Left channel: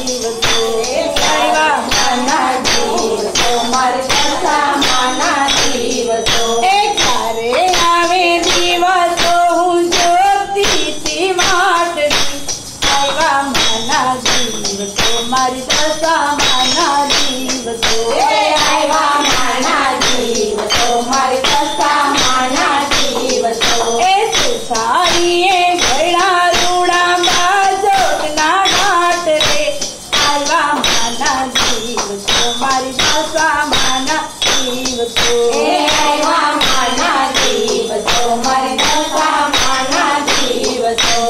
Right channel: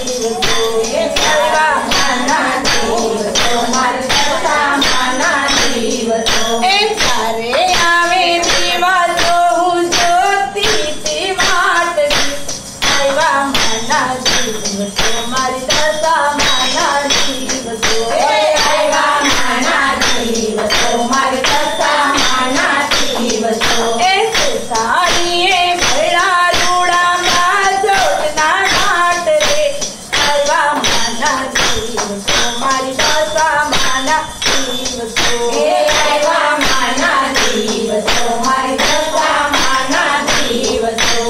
દિવસો આવ્યા માના દિવસો મારી દશામાના દિવસો ક્યારે આવે દિવસો હું જોતી હતી વાટડી આવ્યા માના દિવસો મારી દશામાના દિવસો આવ્યા માના દિવસો મારી દશામાના દિવસો સુસારીએ ભૈડા રૂડા બાજોટના ઘાટ રે આવ્યા માના દિવસો મારી દશામાના દિવસો આવ્યા માના દિવસો મારી દશામાના દિવસો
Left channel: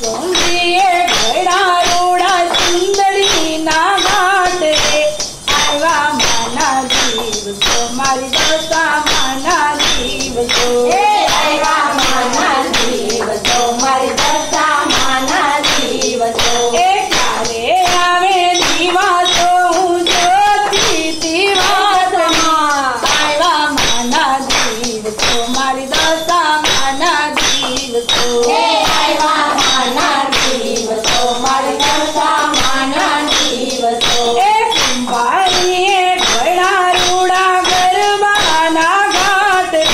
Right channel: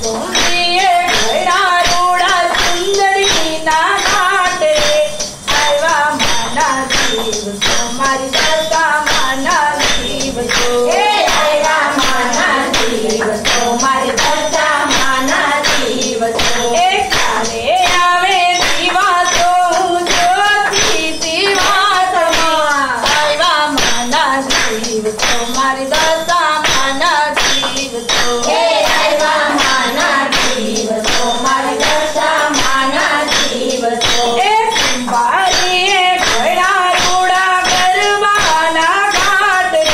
સુંદરીએ ભૈડા રૂડા સુંદરીના ઘાટ રે આવ્યા માના દિવસો મારી દશામાના દિવસો આવ્યા માના દિવસો મારી દશામાના દિવસો ક્યારે આવે દિવસો હું જોતી હતી વાતમાં આવ્યા માના દિવસો મારી દશામાના દિવસો આવ્યા માના દિવસો મારી દશામાના દિવસો કુંભારીએ ભૈડા રૂડા ગરબાના ઘાટ રે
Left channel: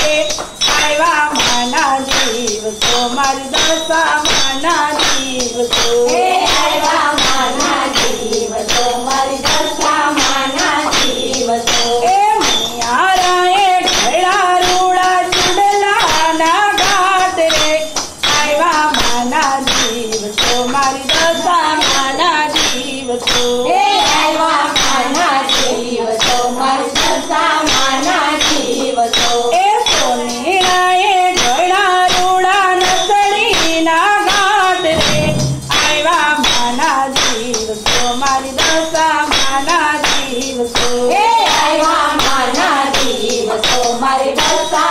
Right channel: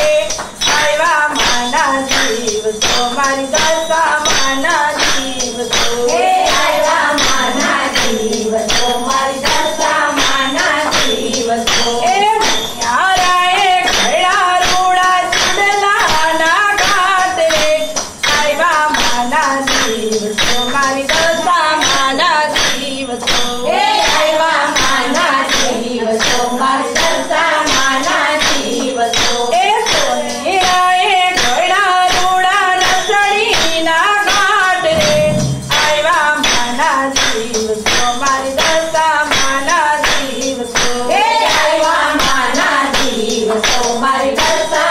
આવ્યા માના દિવસો મારી દશામાના દિવસો આવ્યા માના દિવસો મારી દશામાના દિવસો મૈયારાએ ભૈડા રૂડા ચૂડલાના ઘાટ રે આવ્યા માના દિવસો મારી દશામાના દિવસો આવ્યા માના દિવસો મારી દશામાના દિવસો સોનેરાએ ભૈડા રૂડા નસડીના ઘાટ રે આવ્યા માના દિવસો મારી દશામાના દિવસો આવ્યા માના દિવસો મારી દશા